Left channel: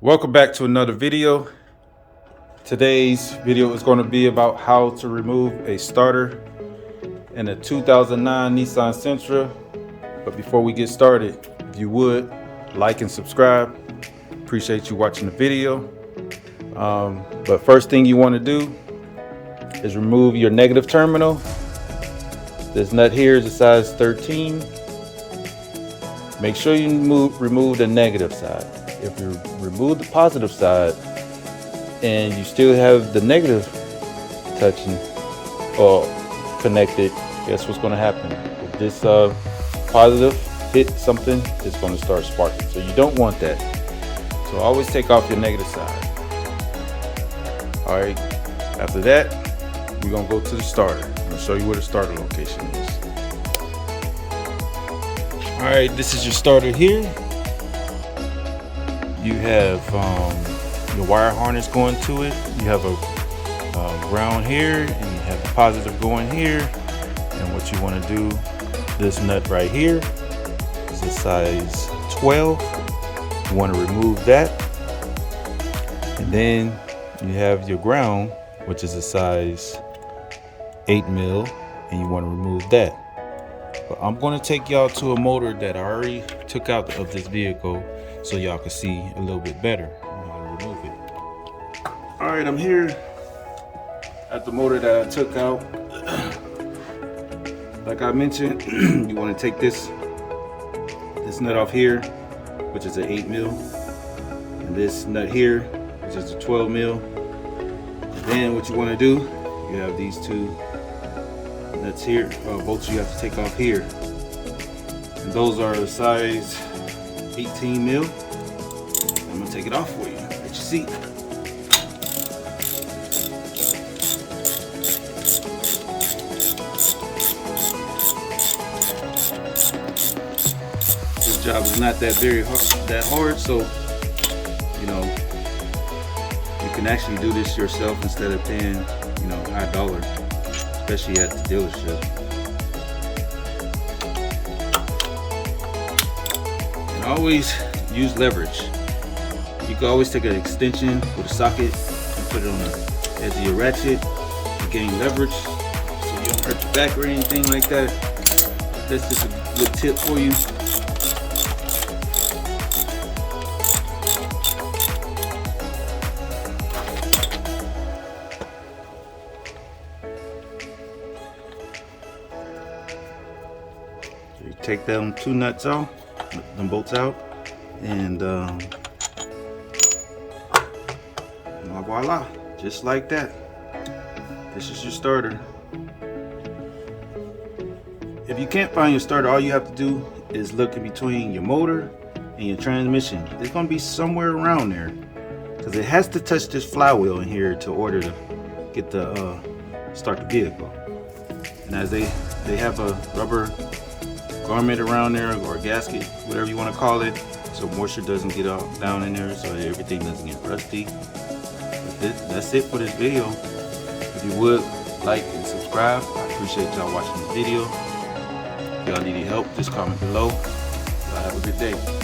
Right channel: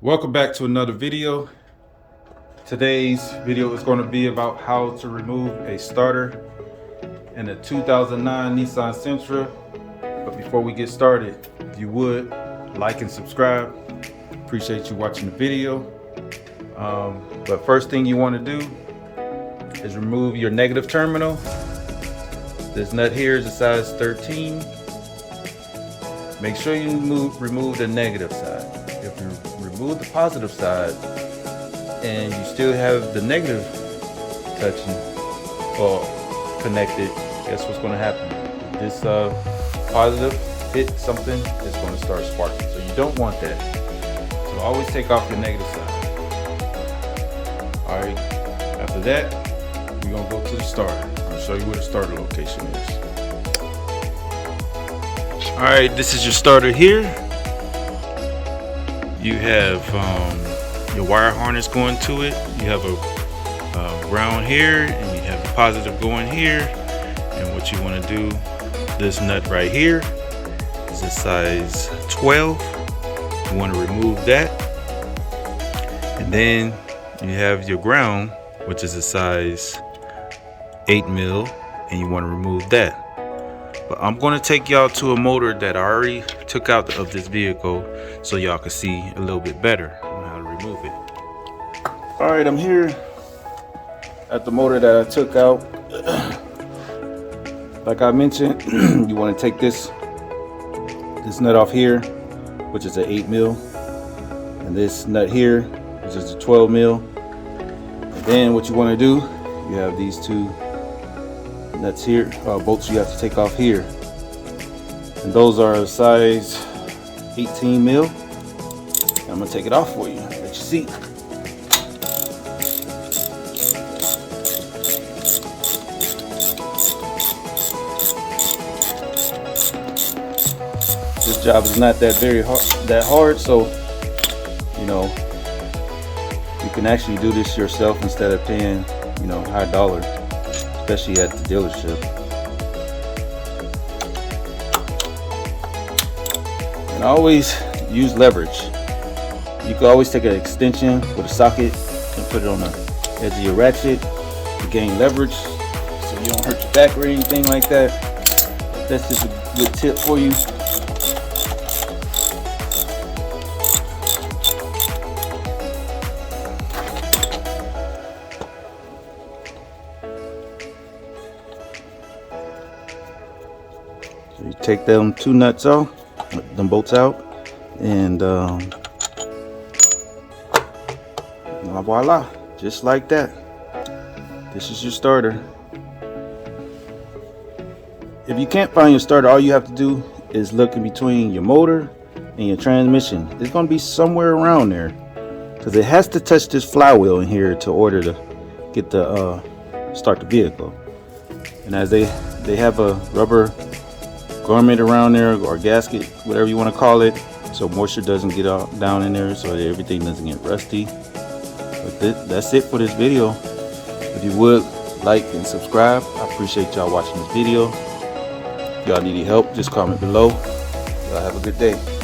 Welcome back to another video. Today's video is going to be about how to remove a starter in a 2009 Nissan Sentra. But before we get started, if you would like and subscribe, appreciate you watching the video. But first thing you want to do is remove your negative terminal. This nut here is a size 13. Make sure you remove the negative side. If you remove the positive side and you still have the negative touching or connected, guess what's going to happen? If this positive hit something, it's going to start sparking. So you don't want that. So always take off your negative side. Alright, after that, we're going to go to the starter. I'm going to show you where the starter location is. Alright, this is your starter here. You have your wire harness going to it. You have a ground here, and you have the positive going here. And what you want to do, this nut right here is a size 12. You want to remove that, and then you have your ground, which is a size 8 mil, and you want to remove that. But I'm going to take y'all to a motor that I already took out of this vehicle so y'all can see a little bit better on how to remove it. Alright, I'm here at the motor that I took out. Like I mentioned, you want to take this nut off here, which is an 8 mil, and this nut here, which is a 12 mil. And then what you want to do, you have these two nuts here, bolts you have to take off here, and those are a size 18 mil. I'm gonna take it off for you. Let you see. This job is not that hard, so you know you can actually do this yourself instead of paying high dollar, especially at the dealership. And always use leverage. You can always take an extension with a socket and put it on the edge of your ratchet to gain leverage so you don't hurt your back or anything like that. That's just a good tip for you. You take them two nuts off, them bolts out, and voila, just like that. This is your starter. If you can't find your starter, all you have to do is look in between your motor and your transmission. It's going to be somewhere around there, because it has to touch this flywheel in here to order to get the start the vehicle. And as they have a rubber garment around there, or gasket, whatever you want to call it, so moisture doesn't get down in there, so that everything doesn't get rusty. That's it for this video. If you would like and subscribe, I appreciate y'all watching the video. If y'all need any help, just comment below. Y'all have a good day.